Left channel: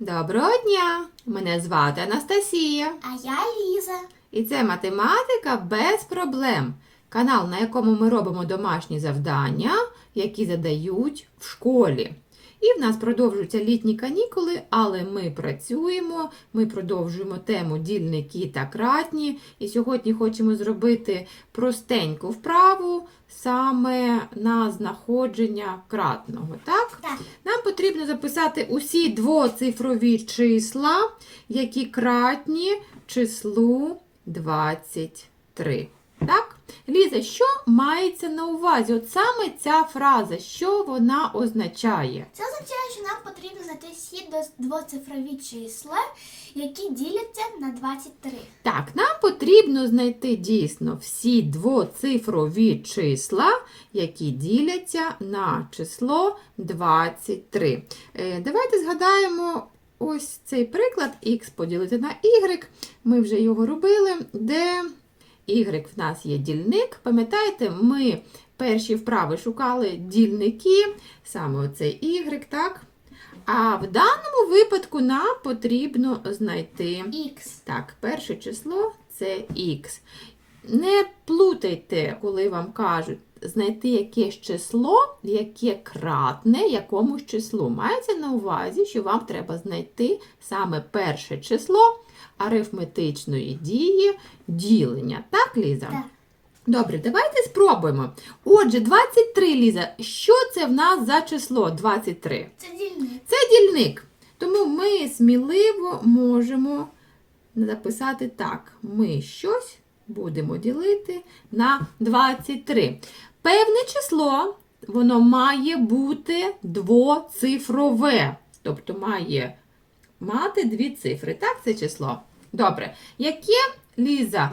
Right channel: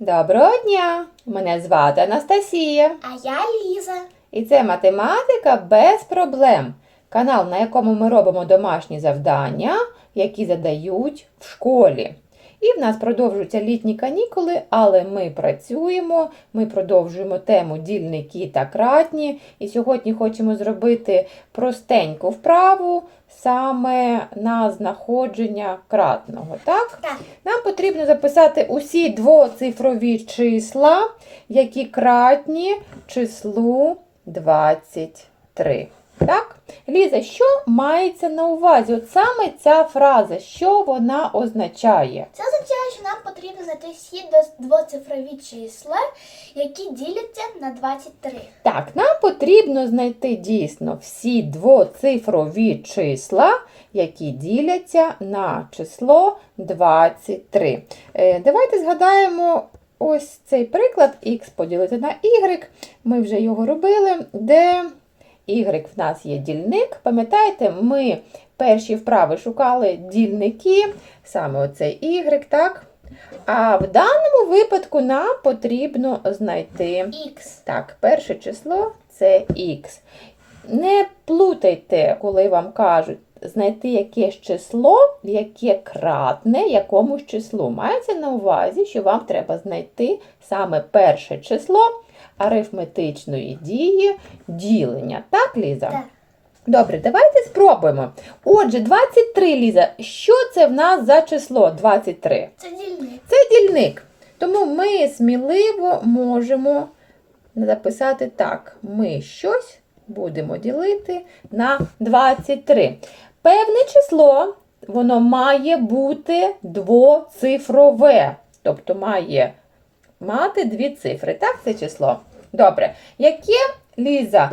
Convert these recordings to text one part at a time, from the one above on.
Доброго дня! Мене звати Анастасія. А я Ліза. І це математика без проблем. Канал, на якому ми робимо домашні завдання, які задають в школі. І в нас продовжуються літні канікули, але ми працюємо, ми продовжуємо тему дільники та кратні. І сьогодні хочемо зробити простеньку вправу саме на знаходження кратного. Так? Так. Нам потрібно записати усі двоцифрові числа, які кратні числу 23. Так? Ліза, що мається на увазі? От саме ця фраза, що вона означає? Це означає, що нам потрібно знайти всі двоцифрові числа, які діляться на 23. Так, нам потрібно знайти дійсно всі двоцифрові числа, які діляться на число 23. Е, давайте згадаємо ось цей приклад х поділити на y. Ми вже його робили, де y в нас є дільник. Пам'ятаєте, ми перші вправи шукали дільники, саме оцей y, так? А в даному випадку нам потрібно знайти Х. так, перше число це х. Не плутайте, коли вам кажуть знайти якесь число, яке кратне якомусь числу. Мається на увазі, що вам треба знайти саме перше число арифметичної дії ділення. Так, Ліза? Так. Добре, давайте спробуємо. Отже, 23, Ліза, що це в нас за число 23? Це дільник. Це дільник. Тому ми сміливо можемо записати так. Ми щось будемо ділити на 23. Певне число, воно має бути двоцифрове. Тобто має мати дві цифри. Так, це число? Добре. Яке, Ліза,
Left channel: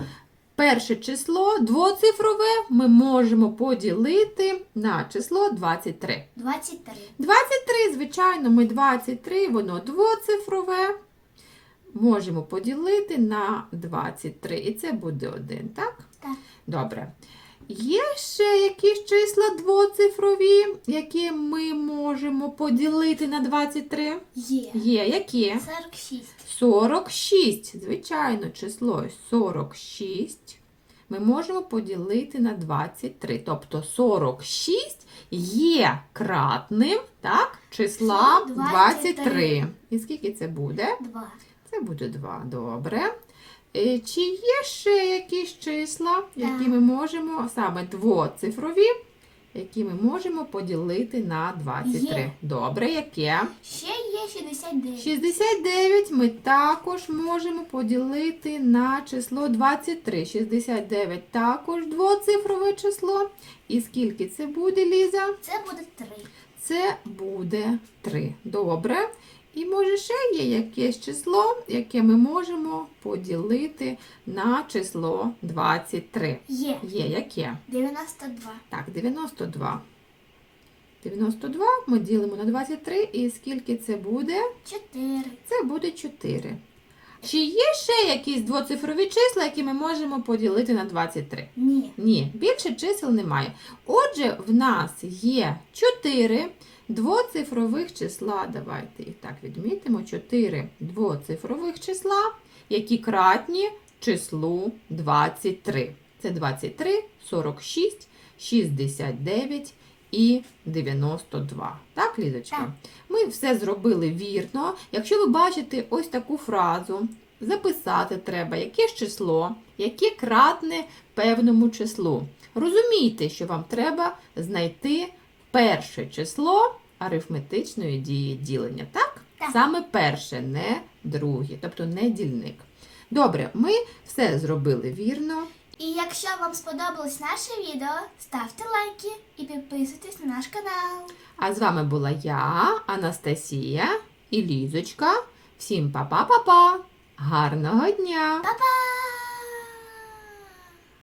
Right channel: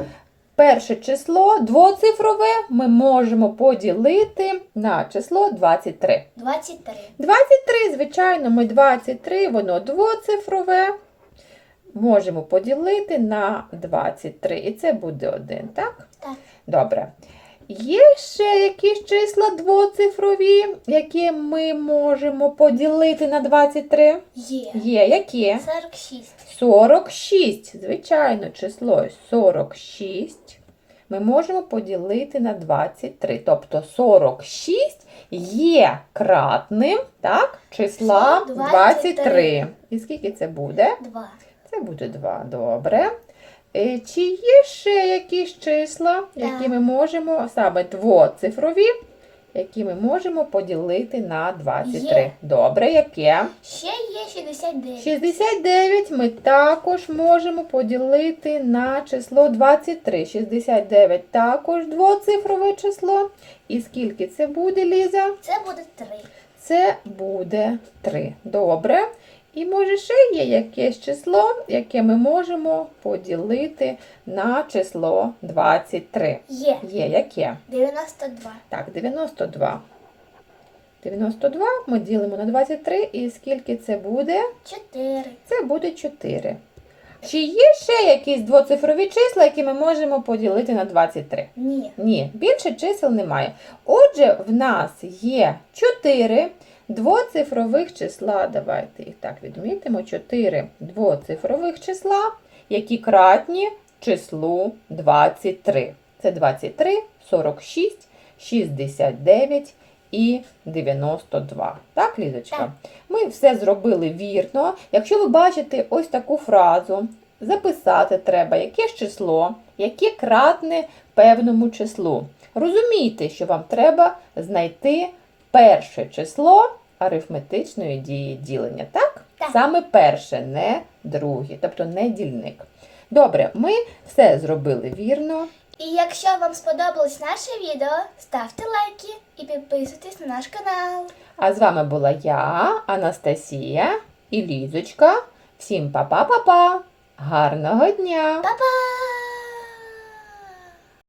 перше число двоцифрове ми можемо поділити на число 23. 23. 23, звичайно, ми 23, воно двоцифрове. Можемо поділити на 23. І це буде 1, так? Так. Добре. Є ще якісь числа двоцифрові, які ми можемо поділити на 23? Є. Є, які? 46. 46. Звичайно, число 46 ми можемо поділити на 23. Тобто 46 є кратним так, числа 23. 23. І скільки це буде? 2. Це буде 2. Добре. Е, Чи є ще якісь числа, які ми можемо, саме двоцифрові, які ми можемо поділити на 23? Є. Добре, яке? Ще є 69. 69 ми також можемо поділити на число 23. 69 також двоцифрове число. І скільки це буде, Ліза? Це буде 3. Це буде 3. Добре. І може ще є якесь число, яке ми можемо поділити на число 23. Є. Є яке? 92. Так, 92. 92 ми ділимо на 23. І скільки це буде? 4. Це буде 4. Чи є ще якісь двоцифрові числа, які ми можемо поділити на 23? Ні. Ні, більше чисел немає. Отже, в нас є 4 двоцифрових числа. Давайте їх так відмітимо. 4 двоцифрових числа, які кратні числу 23. Це 23, 46, 69 і 92. Так, Лізочка? Так. Ми все зробили вірно. Якщо ви бачите ось таку фразу, записати треба якесь число, яке кратне певному числу. Розумійте, що вам треба знайти перше число арифметичної дії ділення. Так? Так. Саме перше, не друге, тобто не дільник. Добре, ми все зробили вірно. І якщо вам сподобалось наше відео, ставте лайки і підписуйтесь на наш канал. А з вами була я, Анастасія і Лізочка. Всім па-па-па-па! Гарного дня! Па-па!